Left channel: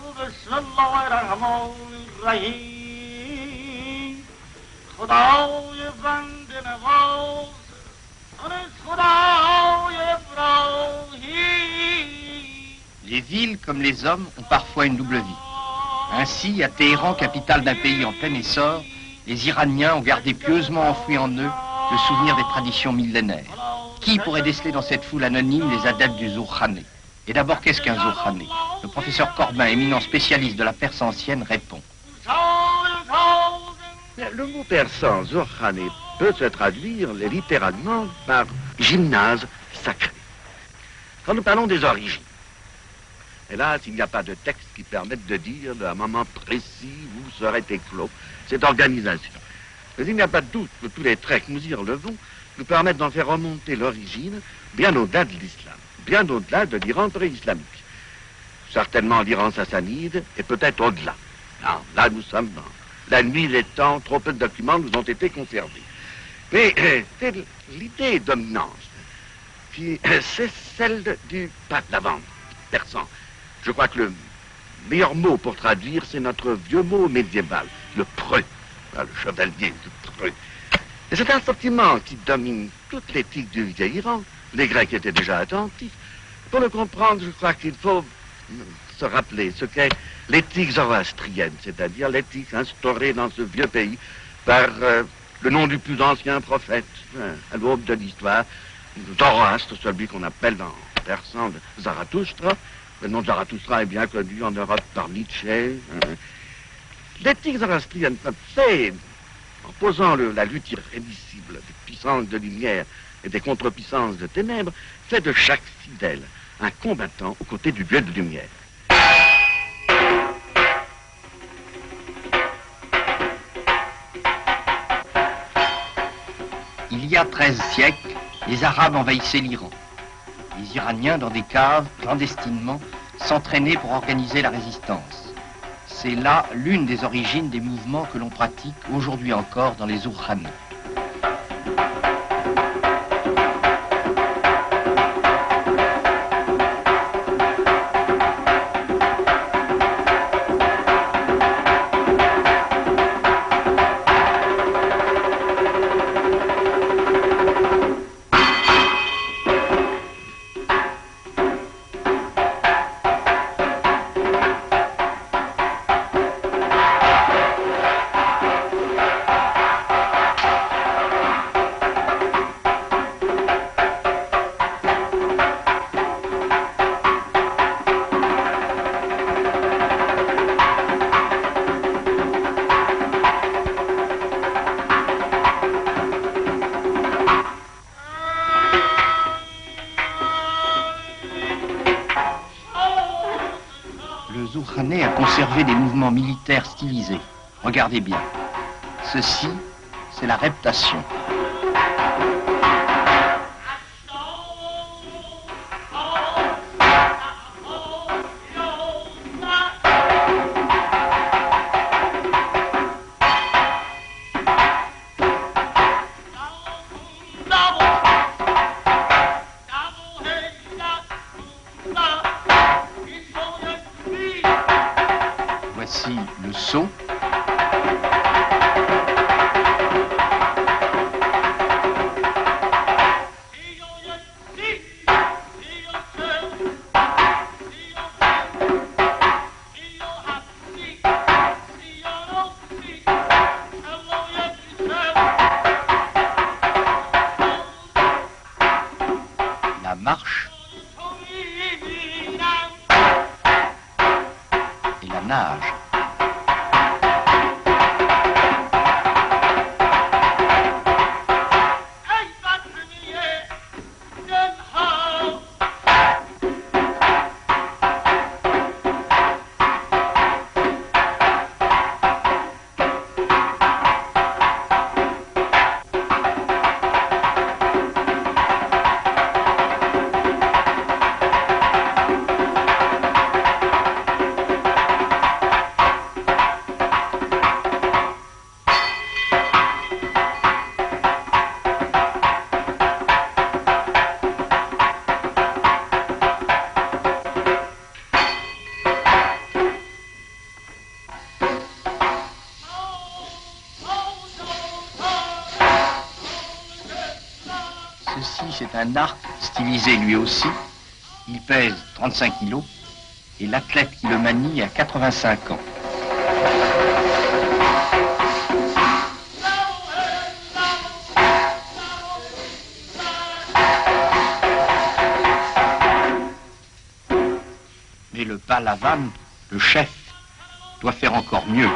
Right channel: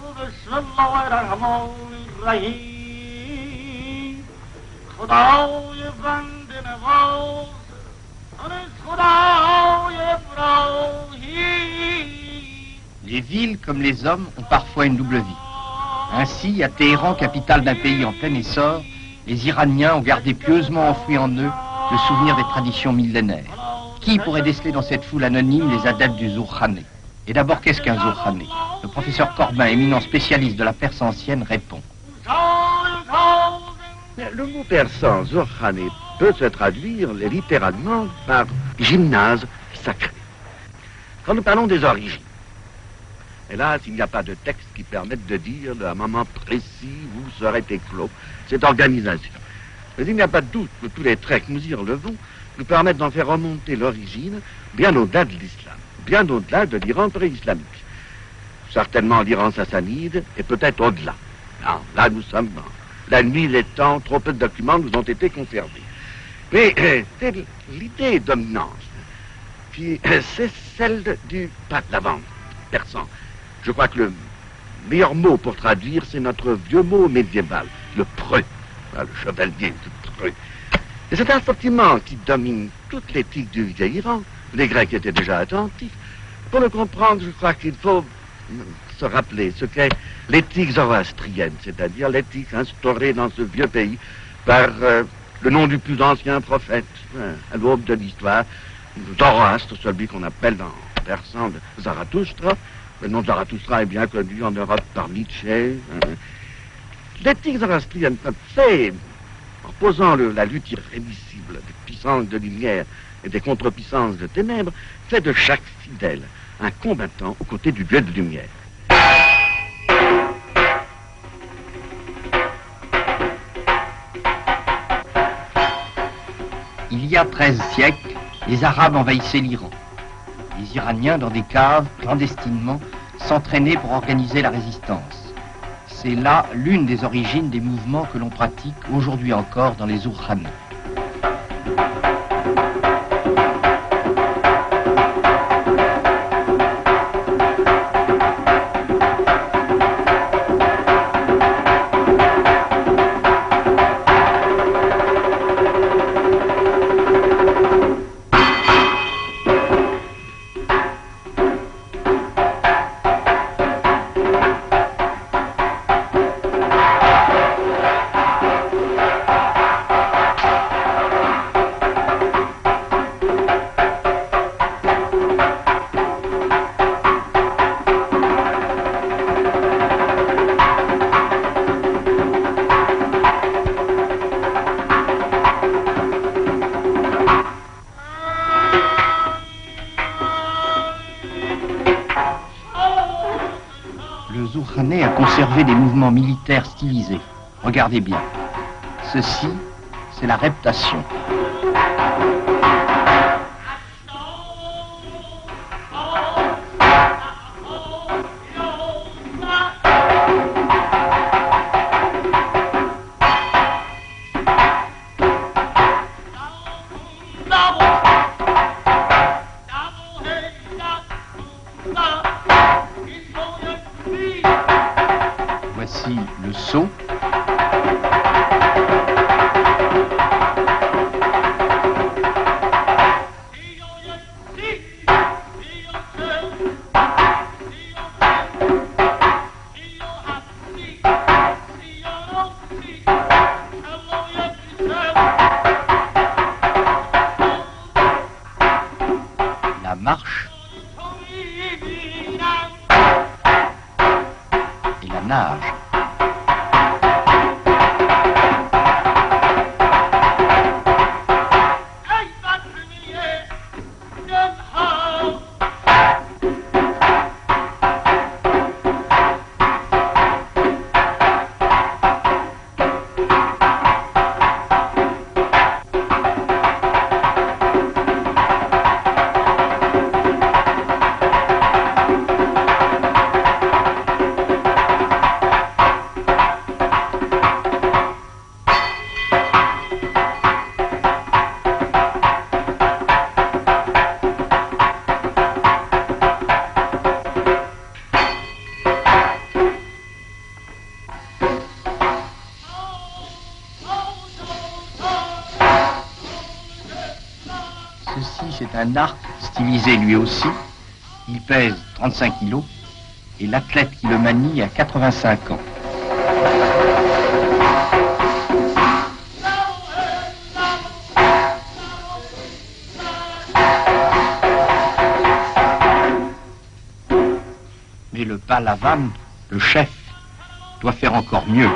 بسم الله الرحمن الرحیم خدای بنده نواز از خدای ابراهیم. Les villes, comme les hommes, ont parfois une double vie. Ainsi, à Téhéran, capitale d'un pays en plein essor, les Iraniens ont gardé pieusement enfoui en eux le souvenir des traditions millénaires. Qui pourrait déceler dans cette foule anonyme les adeptes du Zourkhané? Et d'abord, qu'est-ce qu'un Zourkhané? Le professeur Corbin, éminent spécialiste de la Perse ancienne, répond. Le mot persan, Zourkhané, peut se traduire littéralement par gymnase sacré. Quand nous parlons des origines, hélas, il n'y a pas de texte qui permette de dire à un moment précis où serait éclos cette organisation. Mais il n'y a pas de doute que tous les traits que nous y relevons nous permettent d'en faire remonter l'origine bien au-delà de l'islam, bien au-delà de l'Iran pré-islamique. Certainement l'Iran sassanide et peut-être au-delà. Là, nous sommes dans la nuit des temps, trop peu de documents nous ont été conservés. Mais l'idée dominante, c'est celle du pape persan. Je crois que le meilleur mot pour traduire, c'est notre vieux mot médiéval, le preux, le chevalier du preux. Et c'est un sentiment qui domine toute l'éthique du vieil Iran. Les Grecs étaient déjà attentifs. Pour le comprendre, je crois qu'il faut se rappeler ce qu'est l'éthique zoroastrienne, c'est-à-dire l'éthique instaurée dans ce vieux pays par le nom du plus ancien prophète, à l'aube de l'histoire, Zoroastre, celui qu'on appelle en persan Zarathustra. Le nom de Zarathustra est bien connu en Europe par Nietzsche. L'éthique zoroastrienne, c'est, en posant la lutte irrémissible des puissances de lumière et des contre-puissances de ténèbres, fait de chaque fidèle un combattant aux côtés du Dieu de lumière. Il y a 13 siècles, les Arabes envahissaient l'Iran. Les Iraniens, dans des caves, clandestinement, s'entraînaient pour organiser la résistance. C'est là l'une des origines des mouvements que l'on pratique aujourd'hui encore dans les Zourkhanés. A conservé des mouvements militaires stylisés. Regardez bien. Ceci, c'est la reptation. Voici le saut. La marche. Et la nage. c'est un arc stylisé lui aussi. Il pèse 35 kilos et l'athlète qui le manie a 85 ans. Mais le Pahlavan, le chef, doit faire encore mieux.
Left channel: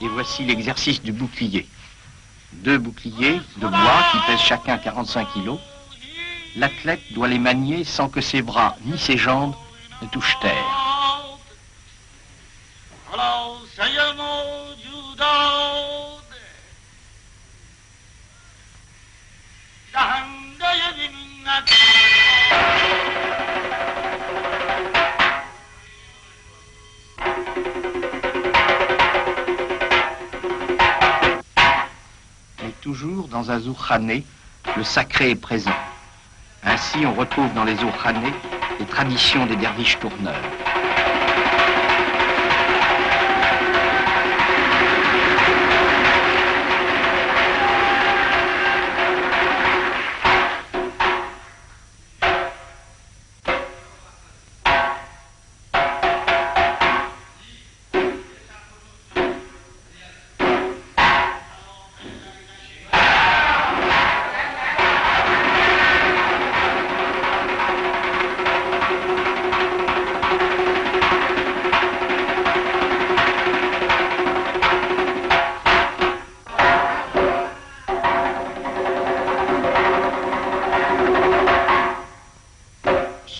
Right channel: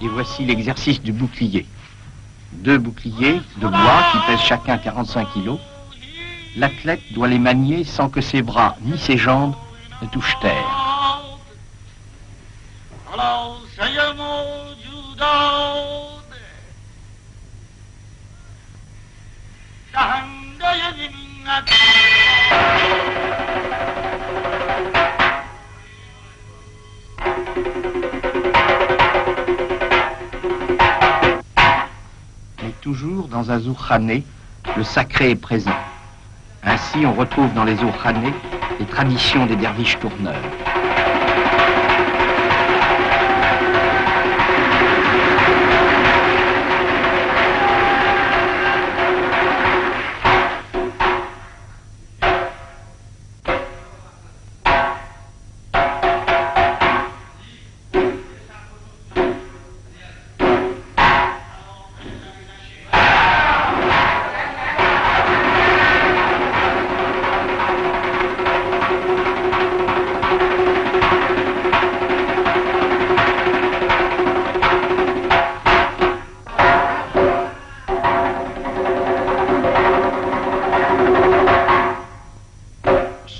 Et voici l'exercice du bouclier. 2 boucliers de bois qui pèsent chacun 45 kilos. L'athlète doit les manier sans que ses bras ni ses jambes ne touchent terre. Mais toujours dans un zourkhané, le sacré est présent. Ainsi, on retrouve dans les zourkhanés les traditions des derviches tourneurs.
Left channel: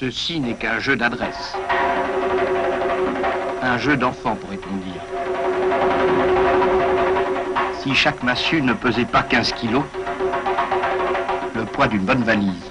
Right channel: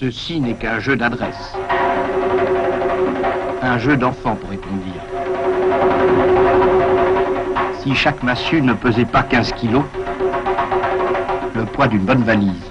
Ceci n'est qu'un jeu d'adresse. Un jeu d'enfant, pourrait-on dire. Si chaque massue ne pesait pas 15 kilos, le poids d'une bonne valise.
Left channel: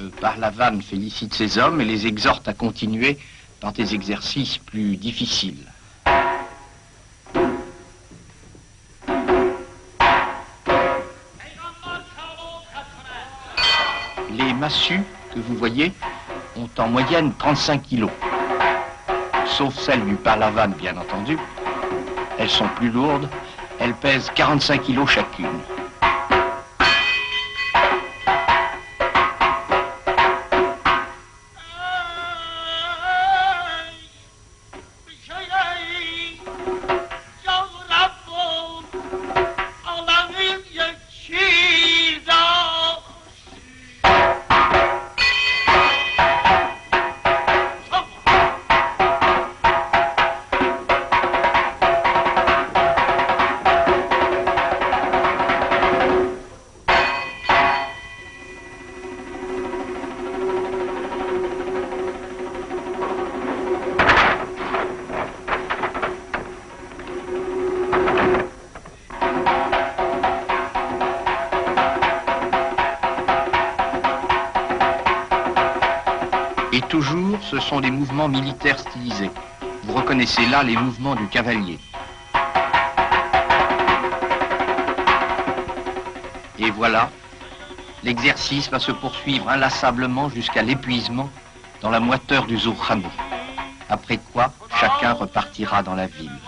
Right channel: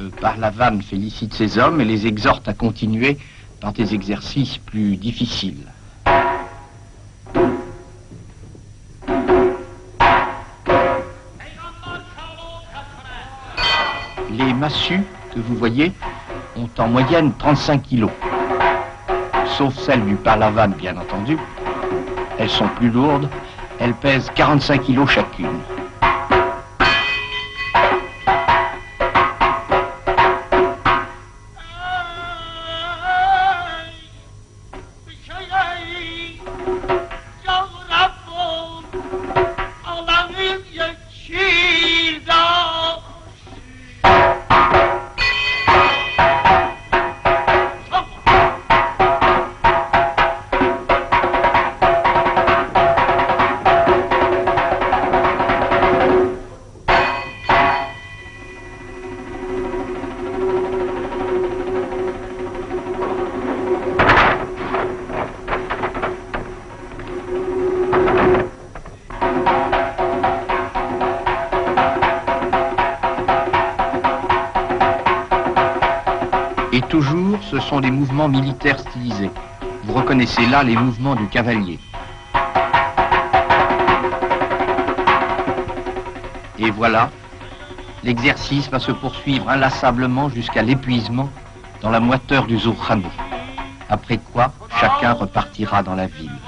Le Pahlavan félicite ses hommes et les exhorte à continuer dans des exercices plus difficiles. Les massues que vous voyez ont en moyenne 35 kilos, sauf celles du Pahlavan bien entendu. Elles sont plus lourdes, elles pèsent 45 kilos chacune. Et toujours, ce sont des mouvements militaires stylisés. Vous reconnaissez là les mouvements du cavalier. Et voilà, l'exercice va se poursuivre inlassablement jusqu'à l'épuisement dans la moiteur du zourkhané. Après quoi, chacun repartira dans la ville.